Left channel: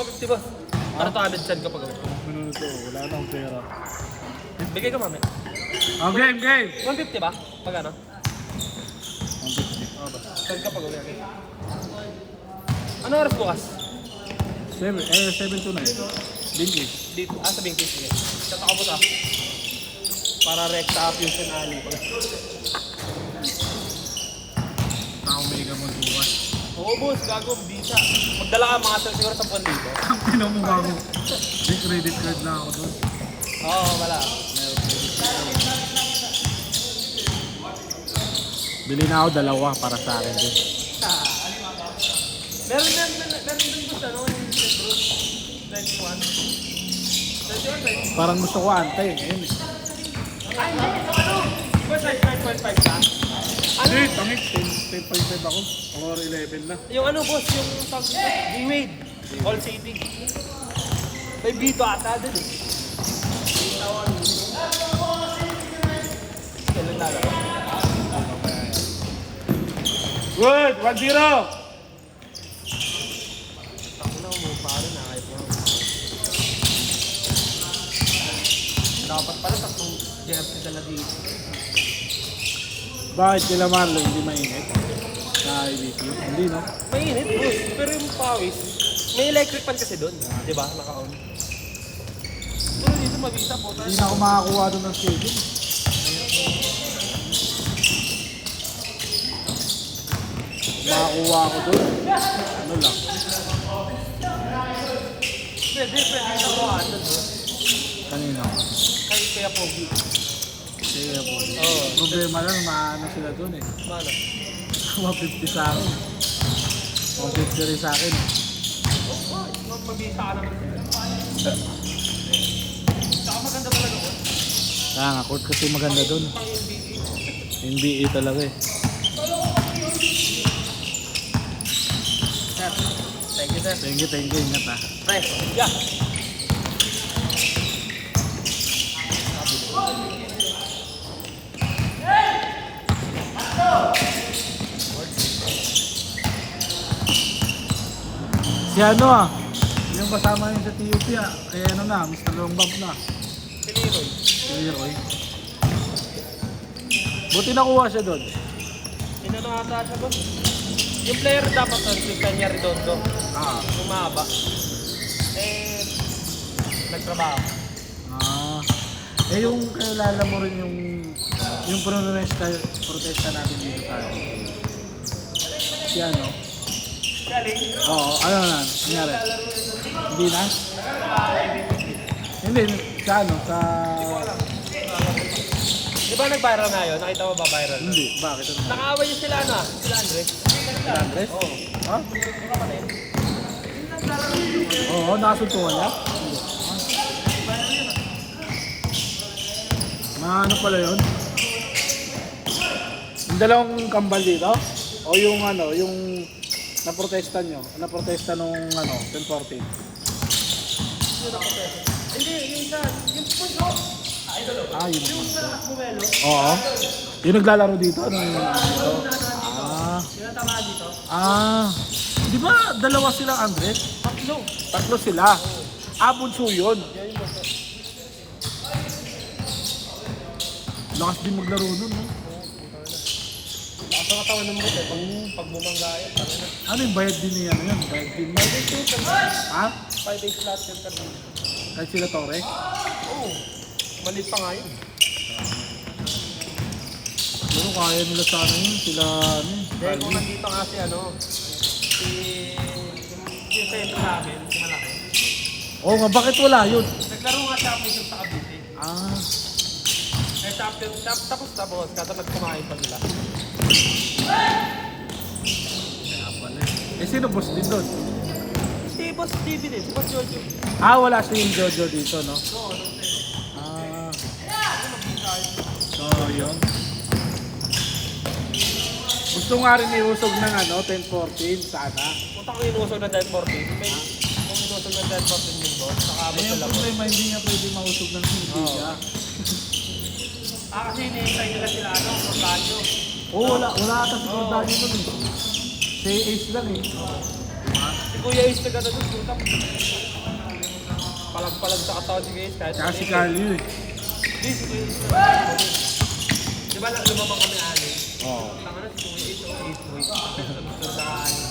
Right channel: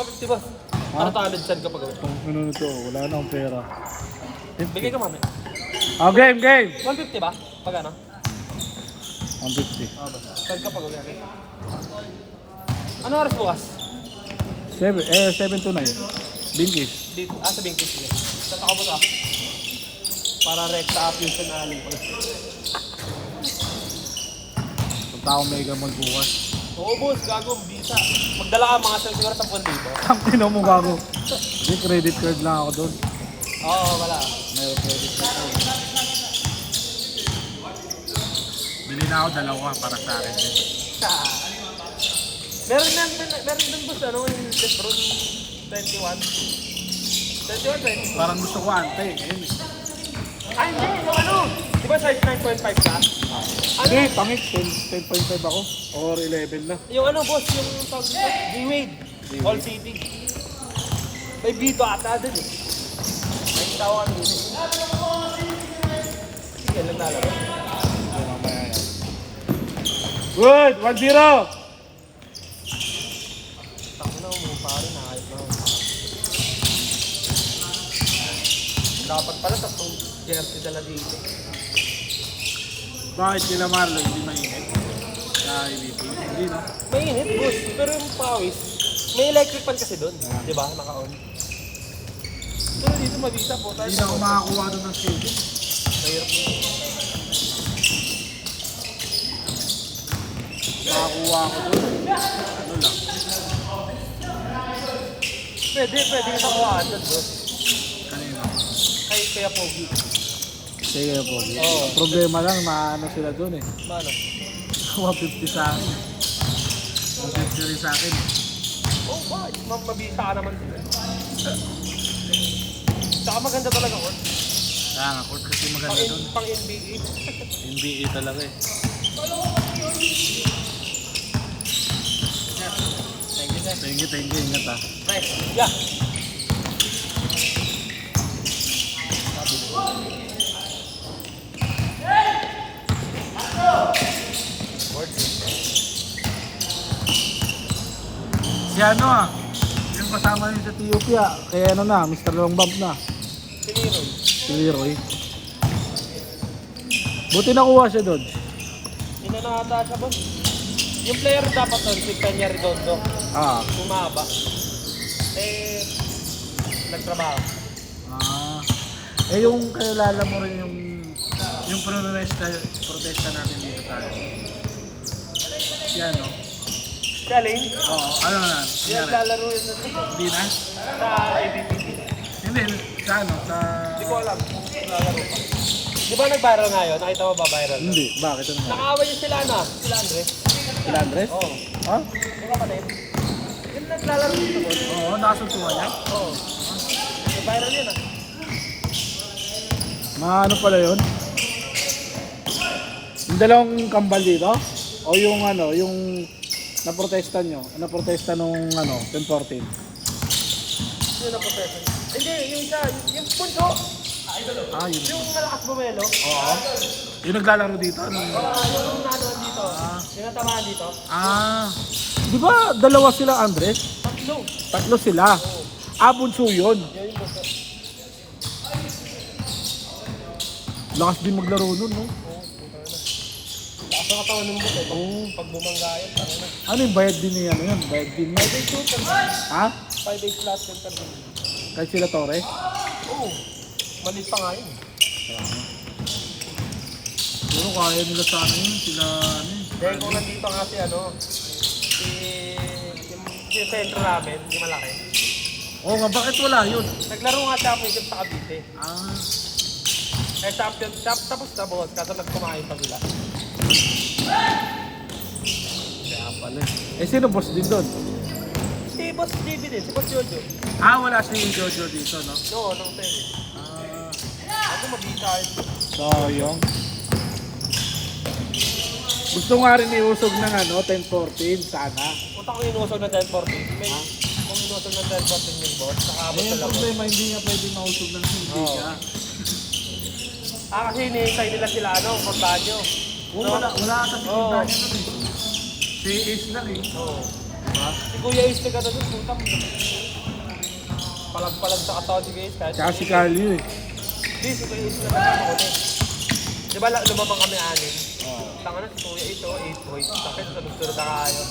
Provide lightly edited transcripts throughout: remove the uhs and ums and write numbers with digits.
mga 50 boss. Para talent send ka pag gawin. Minunod ko, wala na akong pera. Bigay ka mamaya. Oh, game, game! 150 ba? Pag ano? Ang 50. Send ka pag gawin. Ano oras bukas? 7 to 9. Bingis. Dito. Sa Bingkis. Sige. Tatakabot para rekta fusion alley. Punta akong Mega Mall bukas. Oo boss, gago, bisa. Magdala ka mga sel siguro 10 dito. Ang tino mo bago. May credit card lang ako doon. Oo, wala. May credit card ako. Bili na ako dalawa para sa akin din. Meron din boss, ano, yung Death 21. Parang gusto ko antay. Ay, ano? Di ba size 5.5 ka? Hindi, tangit. 10.5 ako. Or 11 na. Yung ano boss, yung D-Wade. All City. May Vito ata din eh. Good! 1-0! Takinaw mo, pare na kahit mo. Nakapagpalit ako. Jersey na dito. Bakit sila Marlon hindi mainit? Hindi, no? Mainit boss, pero yung pawis, may electric fan kasi doon. Di ba? Naka-on. Pero dito mabisa po. Hindi na ako makakuha doon ng CD. Makakuha ako doon. Pwede ito ako. Kanina. Kaya pogi. Sige po. Oo. Problema lang, maano sila doon eh. Ano? 150 sa akin. 150 rin sa akin. Mabisa ka naman sila. Saka maganda talaga. Ah, court kasi maganda doon. Pang NBA. NBA talaga eh. Thank you, sir. Thank you. Ingat ah. Pre, yeah. Si ano ah, yung kasama yun sa TUP ah, kaya ano na, Mr. Long Bump na. Si Leroy. Si Leroy. Buti nakuha siya doon. Yun na lang ata siya, boss. Yung player dapat doon, si Kanya Redondo. Ah. Umaba. Eh, nagtrabaho. Ah. Eh yung kilala mo rin yung protesta natin dito tayo. Si ano? Galing. Oo, ano na, nangyari? Lalaro yun. Hindi na? Hindi, sa ano, sa... Di ba nag-viral na yun? Nakita mo ba viral? Hindi, bakit? Ano? Nakaaway yung sila ano? Sila Andres. Sila Andres? Oo. Ha? Oo, nakasuntungan niya? Oo. Viral yun ah. Mga ano pala yun? Yung dalawang kambal dito? O yung ano, yung naprotesta nyo? Naprotesta nung ano, yung 14? Hindi, yung isa, yung punto. Idol. Ah, yun. Yung malakas bumelo. Oo. Yung naglalaro dito? Ano? Yung nanood dito. Tinatamaan dito. Ah. Di ba dalawa sila Andres? Tatlo. Tatlo sila. Ah, bunso yun. Yan yung bunso. Lakas din maglaro nun, no? Lakas ng katawan ng bunso. Pag bumangga yan. Ano yung bayad din niya? Ano yun? Bayad din na. Ha? 5 days flat yung kanina. Kahit sila Torres? Oo. Malit pa nga yun. Pero kaya nila sana yun. Sila, ano yun? Kaya kung nandito nga si ano, si Tento namin, yung malaki. Oo nga, bakit wala yun? Naglaro nga siya medyo sa Cavite. Ah. Eh tapos na bukas, kasabat kumain pa nila. Kaya pala. Eh, sino boss din doon? Si Boss David din, si Boss Jojo. Ah, wala si Jojo dito, no? No, no, sir. Ah. Ano mag-isa yun? Sayang. Gusto nga rin iusog ng ano, 10-14 sana. Punta ko inusog ng 10-14. May kung inusog ng 10-14 din boss. Eh, yung problema, hindi nga pwede mausog ng hindi ka. Kasi iniisay nila sila ano, kung budget eh. Oo, wala ata si Gordani doon eh. Si Ace lang eh. Diba? Si Kuya Ace na gano'n, putang. Palag-palag sa katawan si Kuya Ace kahit. Tsaka si Carly eh. Di ba lumabang kami ano? Oo. Tanga na si Kuya Ace o Ace Boy. Sa gusto sa ano.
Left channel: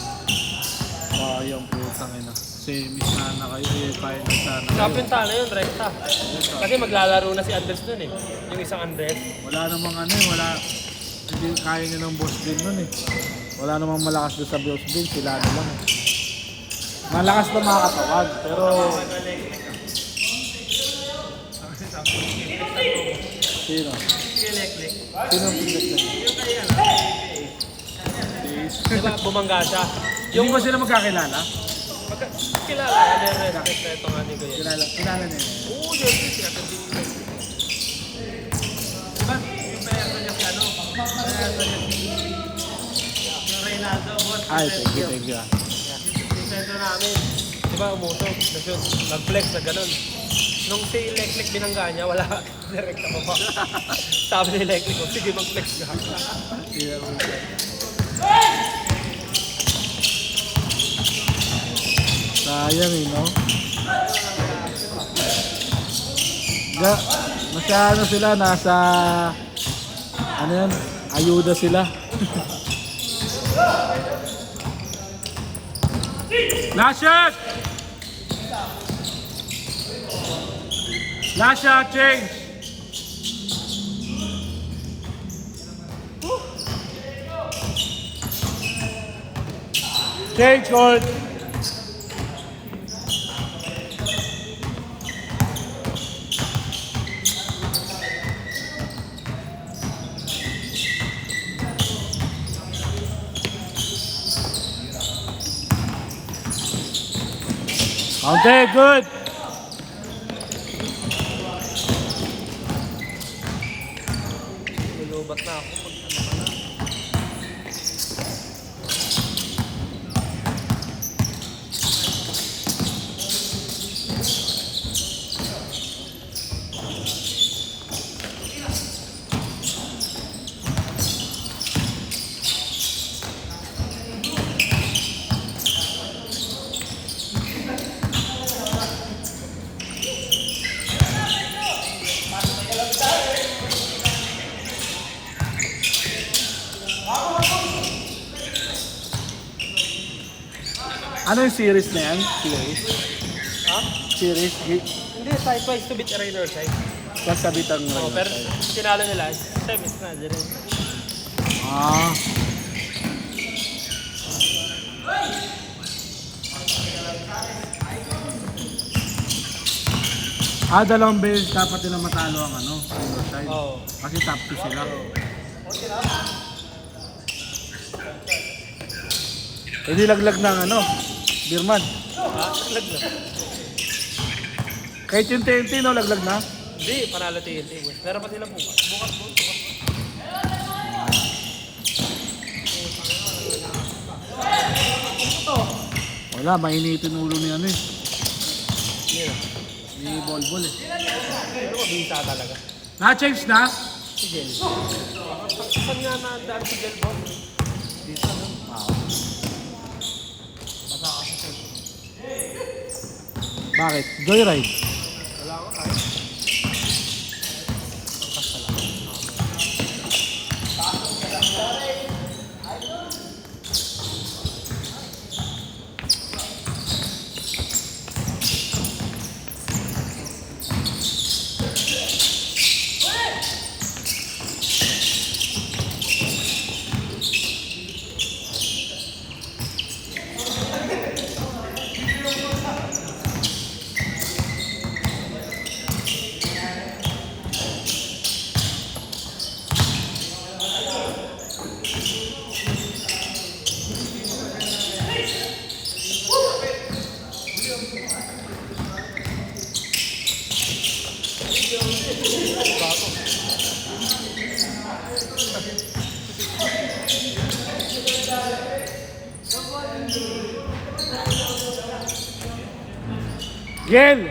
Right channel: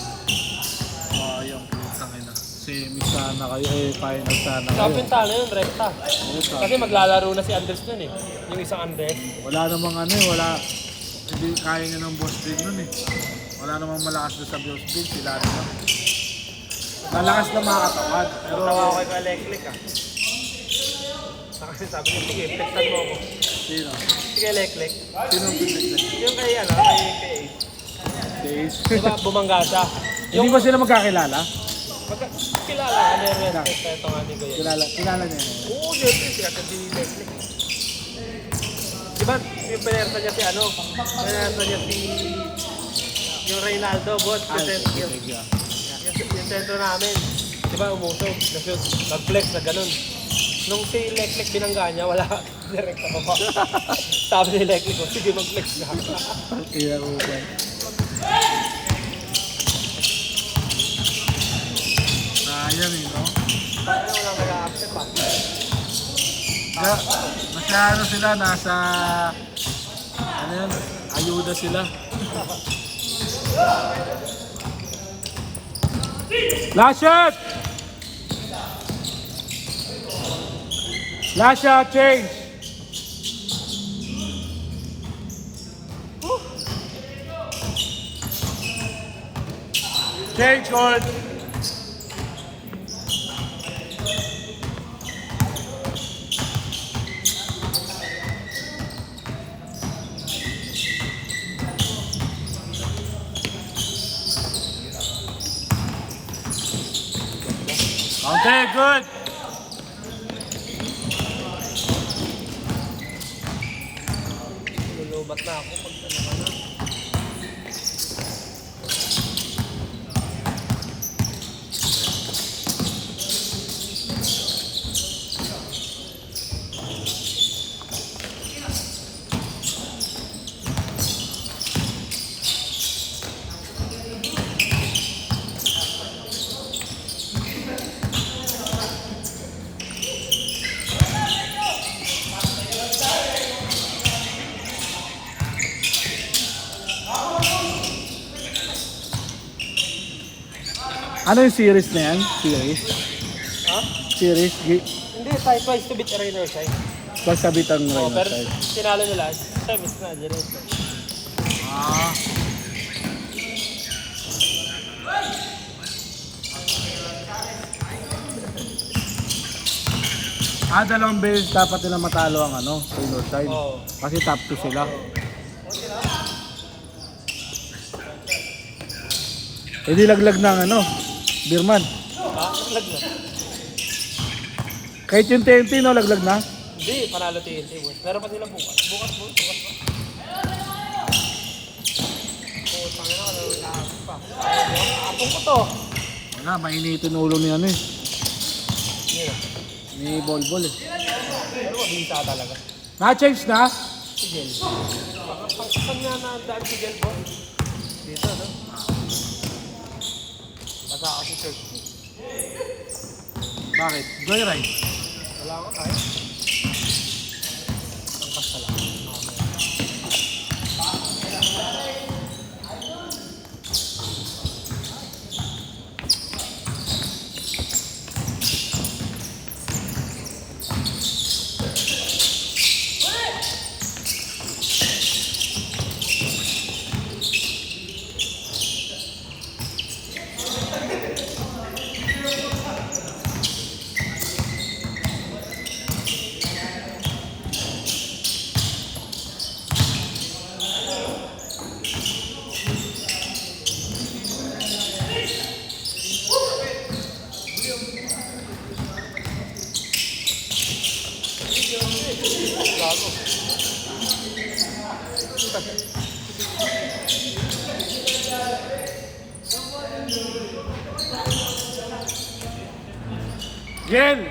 Oh, yung putang ina. Semi sana kayo eh, kaya na sana kayo. Kapinta na yun, rekta. Kasi maglalaro na si Andres nun eh. Yung isang Andres. Wala namang ano eh, wala. Hindi kaya niya ng boss din nun eh. Wala namang malakas doon sa boss din, sila naman. Nalakas na mga katawan, pero... Kasi sabi ko, sige, flex na mo. Sino? Sige, lek-lek. Sino ang pindot na yun? Yung kay ano, Days. diba bumangga siya? Yung ba sila magkakilala? Kilala, ano yung respect na ito nga ni Kuya. Kilala niya yun. Diba, yung pinerta niya si ano, pinerta niya si yung Reynaldo, boss, Ay, present thank you. yung sentro namin. Diba, umusog, mag-flex na ganun. Nung si Lek-Lek binangga niya, wala, direct na pa. Sabi ni Lek-Lek, oh, sige mag-flex na. Iya po siya. Sayang eh, no? Masyado sila, nasa... Ano yan? Ayuda sila. Last shot! Last shot, change! Change, good! Okay, good. Lulubat na ako. Ano yung series na yan? Series? Series? Hindi, side-wise to beat arena or side. Sasabitan mo. Oo, pero sinalo nila, semis na, dyan. Ah. Dalawang beses dapat nila matalo ang ano, single side. Oo. Kasi top 2 sila. Hindi laglag ng ano, Birman. Lag na. Kahit yung TNT, no, laglag na. Hindi, panalo TNT, boss. Meron pa sila bukas. Bukas. Wala, mainitin ulo ni ano eh. Yun. Ni Bolbol eh. Ano ba, bisa talaga. Na-change na? Si Jen. Saan nga na-daan si Jen, boss? Dito, no? Nasa ako si Jen. Bakit? Joyride. Wala ko pa. Yen!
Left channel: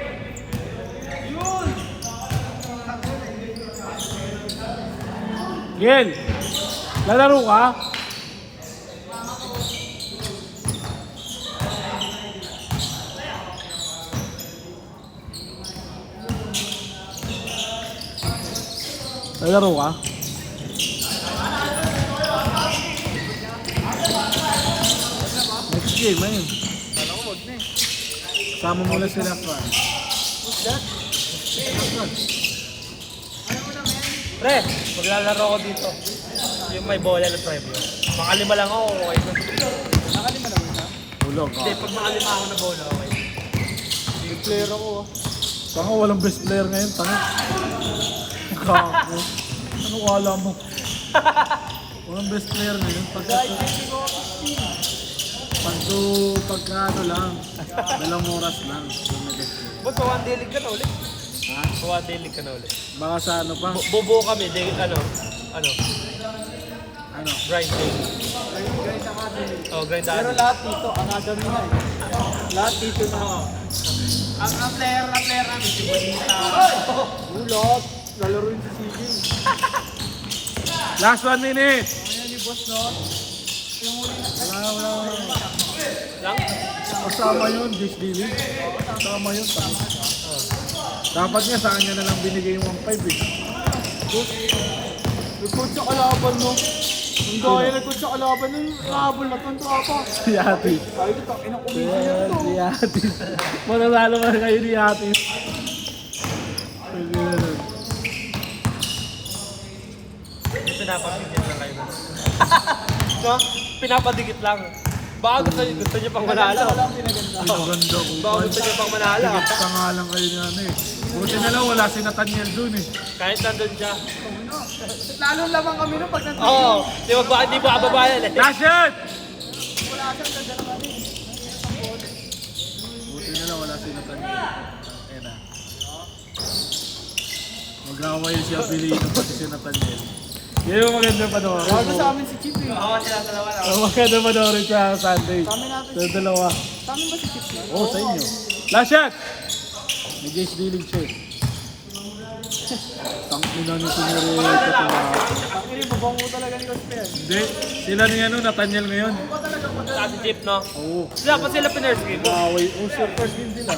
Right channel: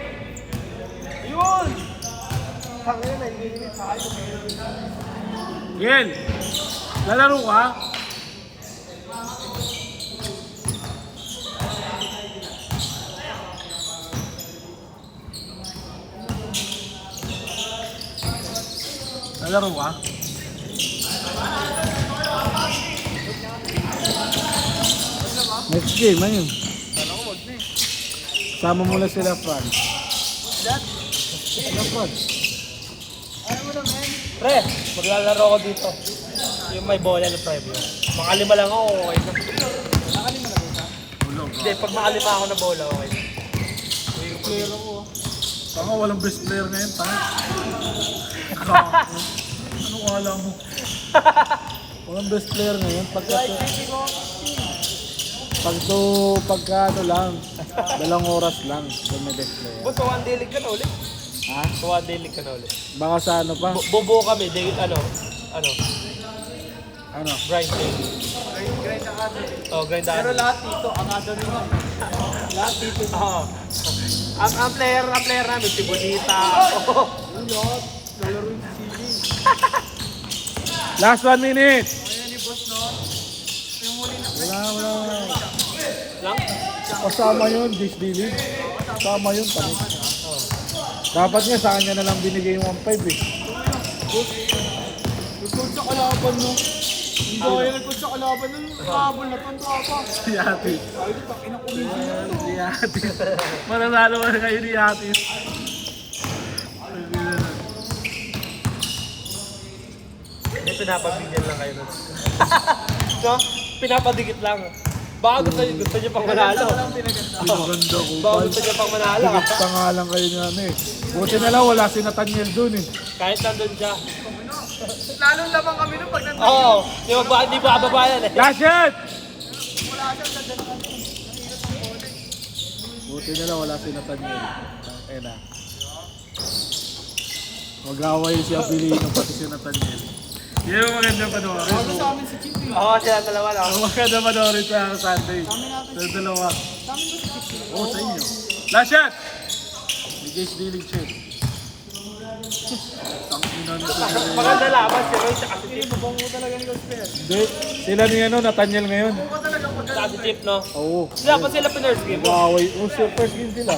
Yen! Lalaro ka? Naglaro ka? Next game, ano yun? Kala ko wag na eh. Sama mo lang sila, Fran. Fran. Pre, maglalaro ako dito. Yung may bola na private. Makalima lang ako. Okay. Ulog. Hindi, pag makalima ako na bola. Yung player ako. Saka walang best player ngayon, ta. Kako. Ano wala mo? Walang best player ngayon. Pagka ano lang, 2 oras lang. Yung may best player. Boss, one day league ka na ulit. Ha? One day league ka na ulit. Baka sa ano pa? Bubuo kami, day, ano, Ano? grind day. Grind na academy. Oh, grind day. Pero lahat dito, academy na. Lahat dito sa... Ang player namin, si Bonita. Ulog. Lalaro yung si CJ. Last 1 minute! Ayan ni Boss no. Yung huli na... Lang? Kasama yun, this dealing. Kasama yun. Dapat nga sa kanya na lang binigay yung 1.5 eh. Nagkod sa kalaban no. Hindi kaya nagkod sa kalaban yung habol na kontrata. Si Atis. Ay, takinang kumisi niya to. Si Atis. Mananalo ka na kayo ni Atis. Pinapadigit lang kayo. No? Pinapadikit lang. Baka gusto niyo pang manalo. Pinaganda ko. Baka gusto niyo pang manalo. Tigit ka nga lang kayo ni ano eh. Buti na lang wala si Nathaniel dun eh. Kahit nandun siya. Lalong lamang kami no pag nandun. Oo. Di ba kababayan eh. Gashet! Buti na lang wala si Nathaniel. Ayun na. Mag-away si Abilino pati si Nathaniel. Yan yung maganda panoorin. Bago sa amin si Chip eh. Oo, sila dalawa lang. Ang maganda panoorin sa Sunday. Sa dalawa. Sa amin ba si Chip? Oo, sa inyo. Last shot! Ni Jace Dealing Chip. Ang ina ni Sinuri. Dalawa, sila Actually, bubong mo talaga ni Cosper. Hindi. Sila ni ano, Nathaniel ngayon. Bubong ka talaga pag sa si Chip, no? Oo. Sila pa sila pinurse game. Mag-away. Oo, first game sila.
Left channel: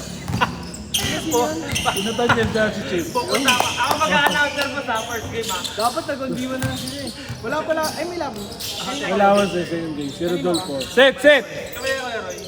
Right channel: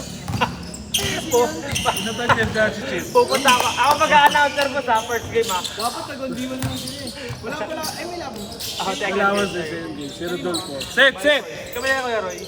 Si Nathaniel dahil si Chip. Pupunta ako. Ako mag-a-announcer mo sa first game, ha? dapat nag-undiwan na lang sila eh. Wala pala, ay may labon. Ako, Alawas na si MD. Si Rodolfo. Set! Set! Kami na, Kuya Roy.